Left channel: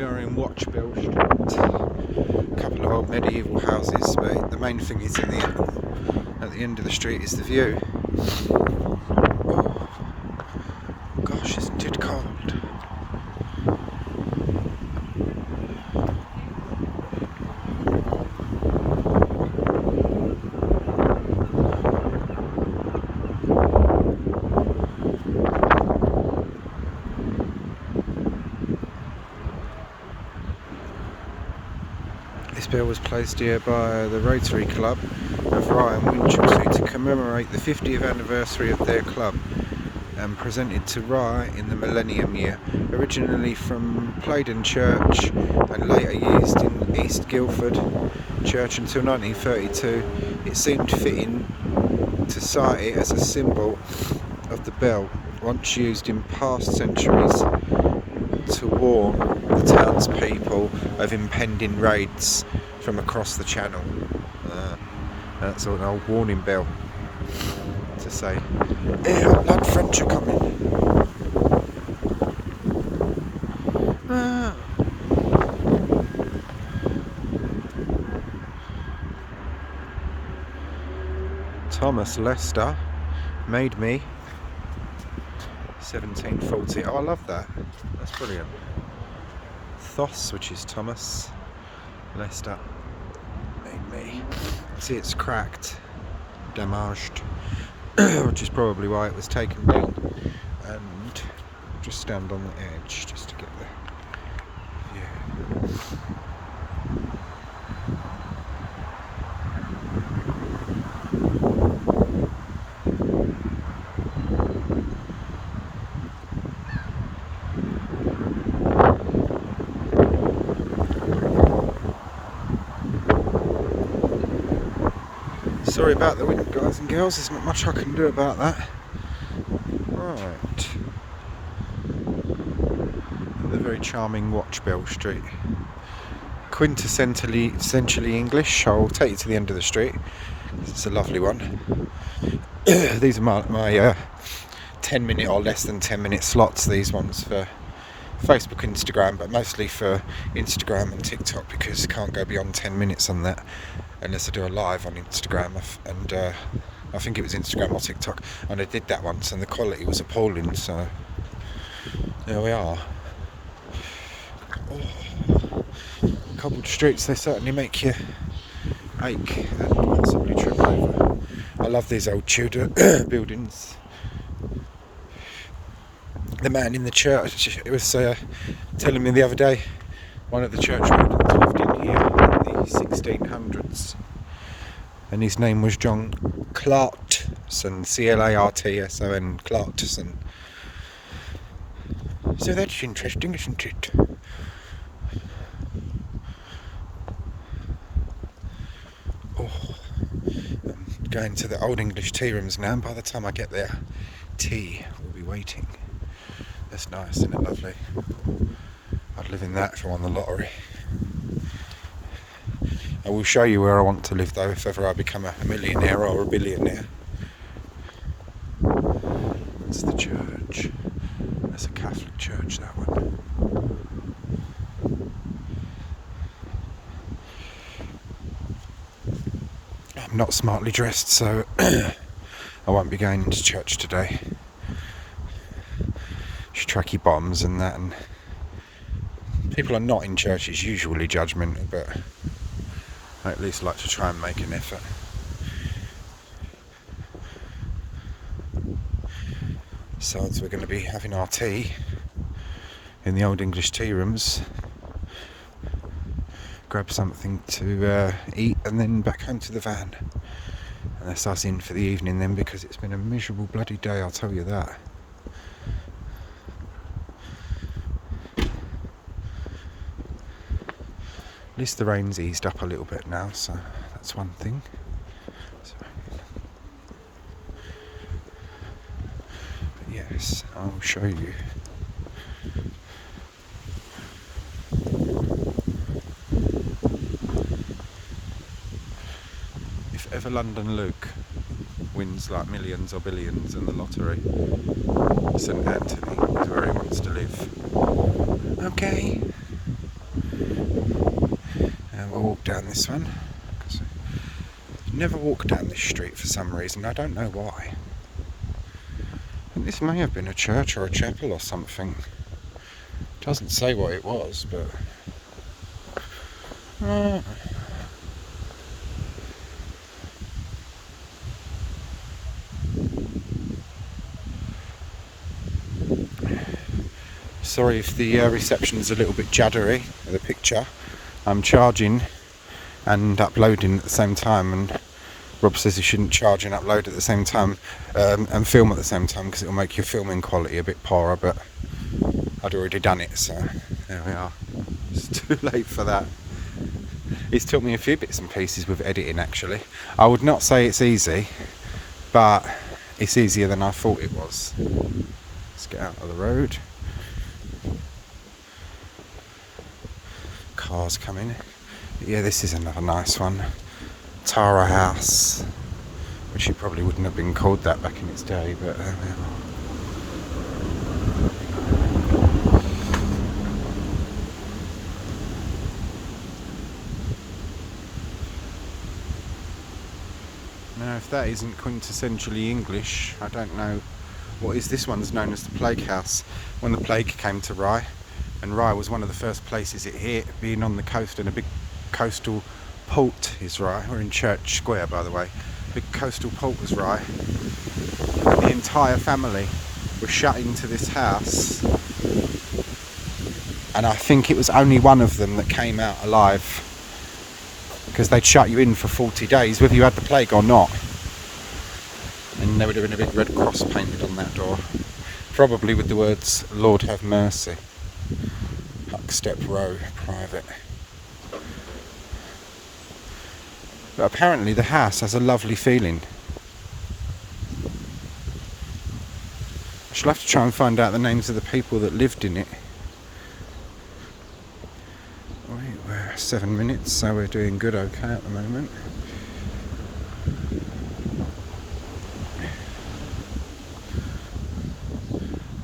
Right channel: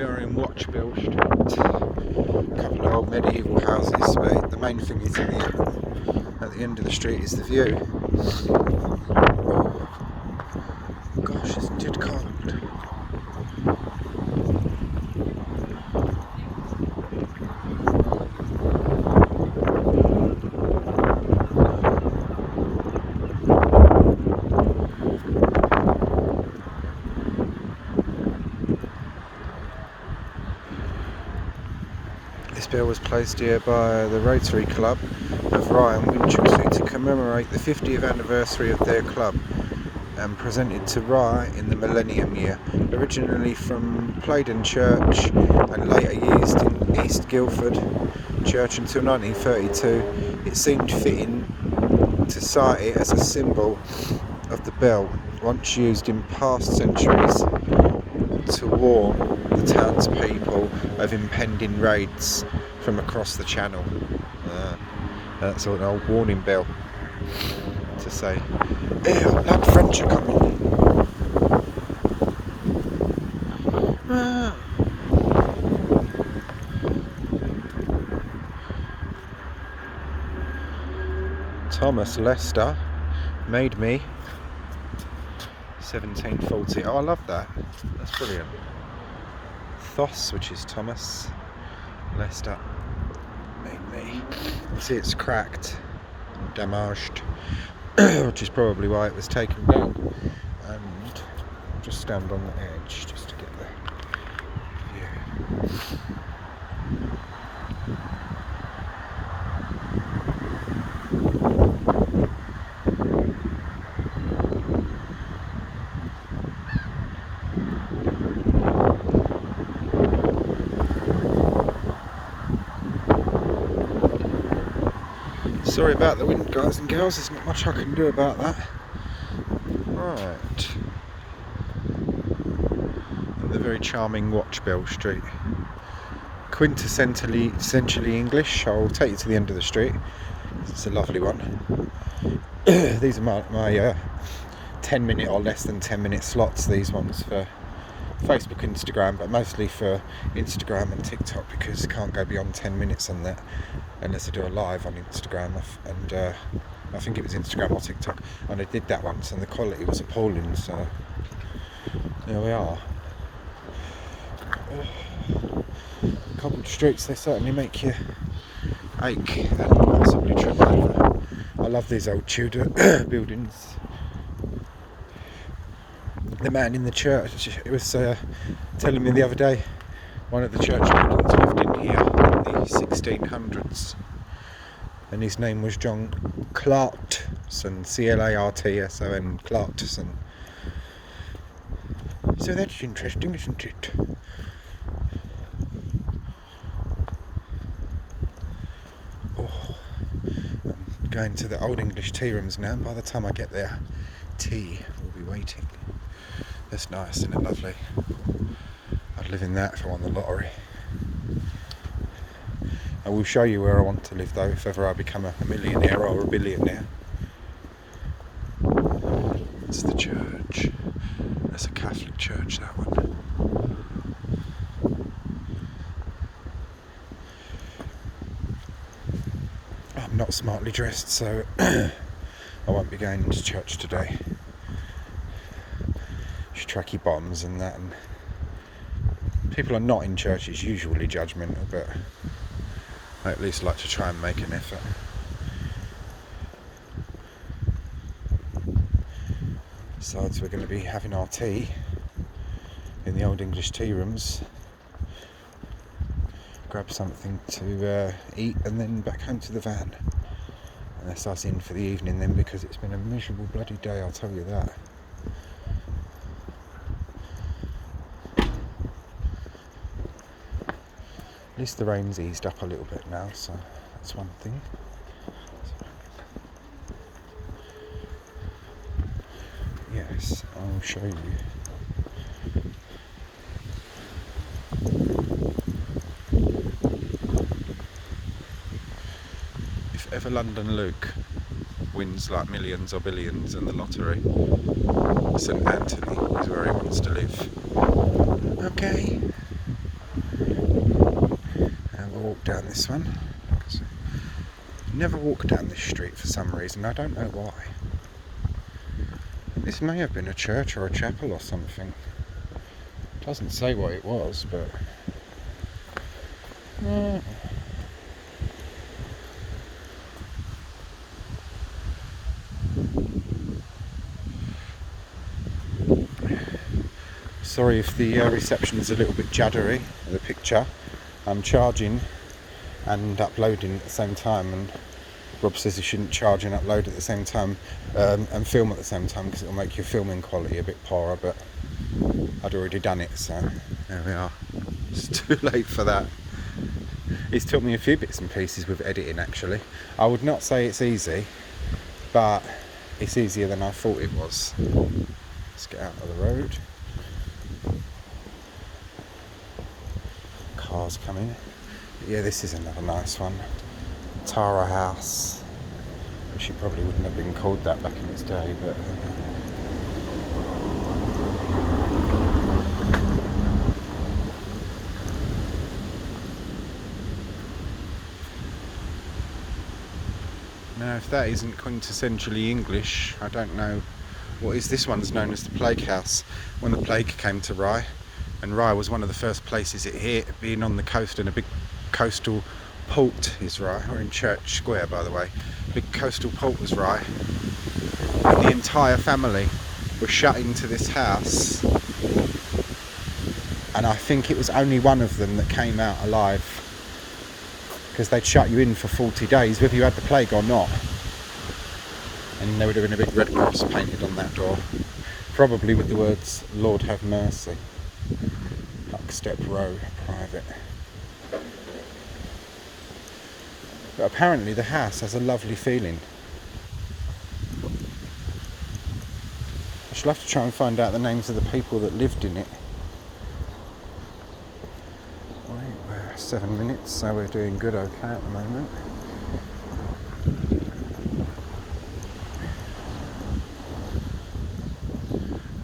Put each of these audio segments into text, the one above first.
We are in Watchbell Street. A couple of old medieval houses, but the main thing is at the end of the street is the view. Oh gosh, it's too cold. This bell was placed here by the Rotary Club of Rye East to commemorate the 50th anniversary of their club and presented to Rye in the millennium year. Originally from Playdon Church and later used in East Guildford Church until 1932, it seemed fitting to cite it as a symbol of the bell, once used in past centuries to warn the townspeople of impending raids from across the channel. That's an old warning bell to say, "Hey, that French are coming." Thomas Lester made me 1740. Oh, I love that. That's brilliant. Thos, which is Thomas Lester, made me. You see, it's cracked, damaged, which is probably why it was taken down. And just stand on the edge just to get there. Yeah. Sorry about the wind, guys and girls, there's not much I can do about that. Right. At the very charming Watchbell Street. Quintessentially English. I'll take you to the end of the street. It's a lovely one. These are my 10 minute or less than 10 minute slots, these ones for Facebook, Instagram, but mostly for Instagram and TikTok, because you can't go beyond 10 minutes on that unless I do a live on Instagram, and I think it was Instagram or TikTok, and I did that once and the quality was appalling, so there we are. Cobbled streets, they certainly make you ache and possibly trip over. I love these old Tudor buildings. The man in the church, it was telling me the other day, one of the church buildings lived in here in the 1600s, and his name was John Clarkson, Clartson, Clarkson. So that's interesting, isn't it? I'm going to the Old English tea rooms now, and by the time I get there, tea will be waiting. That's nice, isn't it? Lovely. I'd live in that if I won the lottery. I will show you where I want to live though, if ever I become a millionaire or a billionaire. It's the church. That's a Catholic church, that one. I'm not smartly dressed, so I won't be going to church today. Tracky bottoms and that, and people are not in church, it's usually judgmental, but I at least like to try and make an effort. Besides, we're going to be having our tea in the Old English tea rooms, grab something to eat, and then back home to the van. And that's us in for the evening then, because it's been a miserable bloody day, I'll tell you that. At least the rain's eased up a little bit now, so that's one thing. Yes, I'll show you. If ever London Luke wins like millions or billions in the lottery, St Anthony is where he wants to live. Okay. down this one. Never walk down this street for some reason, I don't know why. This may have been a church or a chapel or something. Doesn't say what it was, but sorry if the reception is a little bit juddery with the picture. I'm charging and uploading at the same time, and Rob says you shouldn't charge and upload at the same time and film at the same time because it will make your filming quality a bit poorer, but I'd already done it, so there we are. It's too late for that. He's taught me a few bits and pieces with editing actually. I would not say it's easy, but it's easier than I thought it was. Let's get out of the road. Cars coming. Yeah, this is another nice one. Tara House, which it probably wouldn't have been called that back in its day, but now if that isn't quintessentially English, I don't know what is. This one's known as the Plague House. When the plague came to Rye, and Rye was one of the first places it hit, being on the coast, and a big coastal port is Rye. We're in Church Square, by the way. Big coastal port was Rye. The entire family were shut into this house, and I think it was only one of them that came out alive, because they'd shut you in for 40 days whether you had the plague or not, and there would have been a big red cross painted on that door, probably with the words "Lord have mercy." Step Row, private. But apparently the house has a lovely feeling. I shall have to try and find out the names of the people that lived in it. We're 7 minutes, so we're doing good okay at the moment.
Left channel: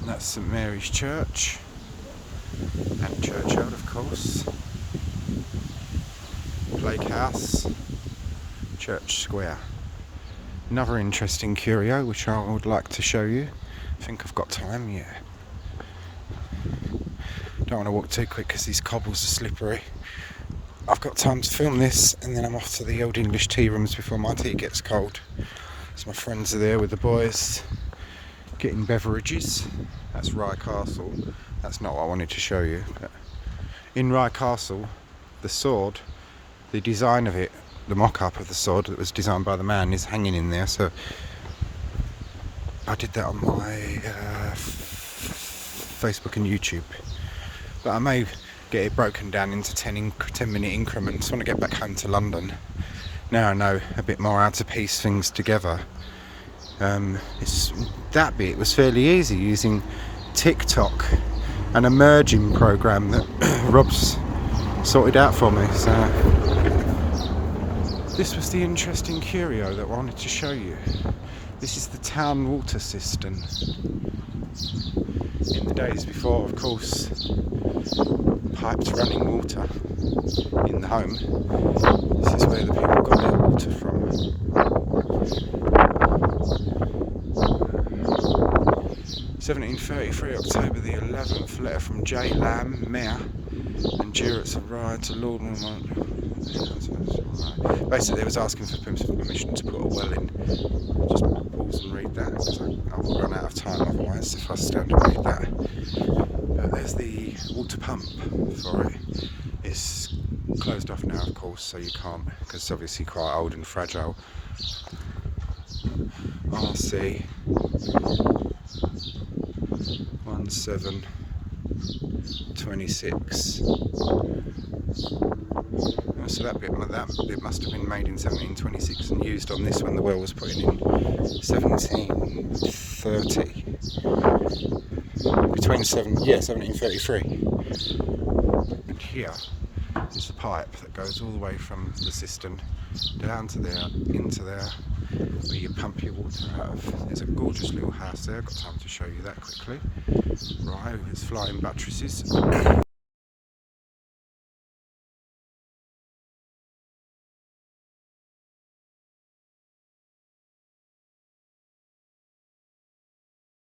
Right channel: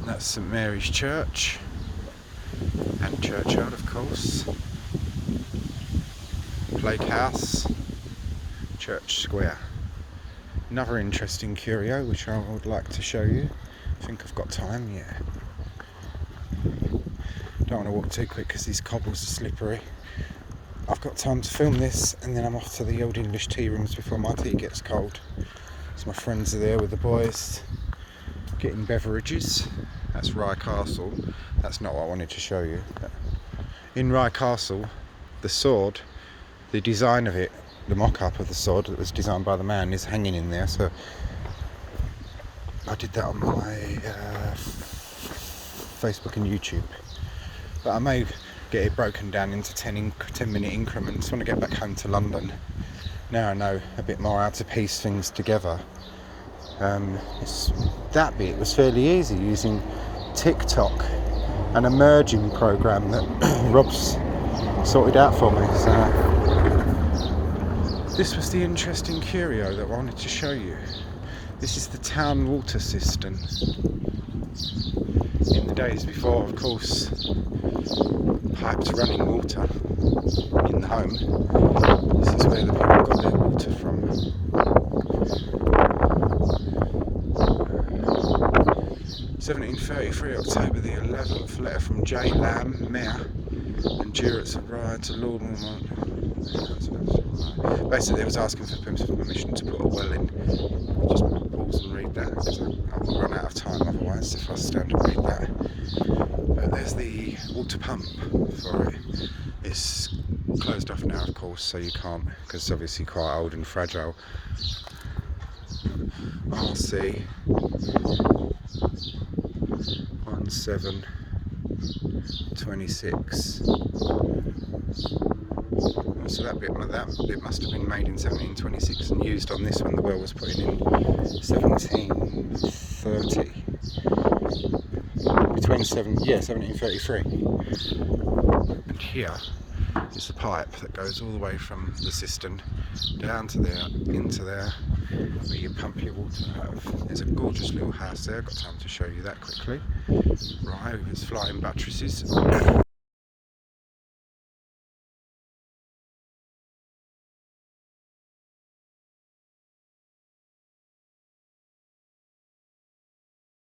And that's St Mary's Church. And churchyard, of course. Plague House. Church Square. Another interesting curio which I would like to show you. I think I've got time, yeah. Don't want to walk too quick because these cobbles are slippery. I've got time to film this, and then I'm off to the Old English tea rooms before my tea gets cold. So my friends are there with the boys getting beverages. That's Rye Castle. That's not what I wanted to show you. But in Rye Castle, the sword, the design of it, the mock-up of the sword that was designed by the man, is hanging in there. So I did that on my Facebook and YouTube. But I may get it broken down into 10-minute increments when I get back home to London. Now I know a bit more how to piece things together. That bit was fairly easy using TikTok, an emerging program that Rob's sorted out for me. So this was the interesting curio that I wanted to show you. This is the town water system. In the days before, of course, pipes running water in the home, this is where the people got their water from. 1733, October the 11th, letter from J. Lamb, Mayor, and Jurates of Rye to Lord. Basically, they was asking for permission to put a well in. Just pause and read that, because I will run out of time otherwise if I stand and read that. There's the water pump for it. It's closed off now, of course, so you can't, because it's obviously quite old and fragile. RC 1726. So that bit must have been made in 1726 and used on this when the well was put in 1730. Between 1733. And here is the pipe that goes all the way from the cistern down to there, into there, where you pump your water out of. There's a gorgeous little house there. I've got time to show you that quickly. Right, with its flying buttresses.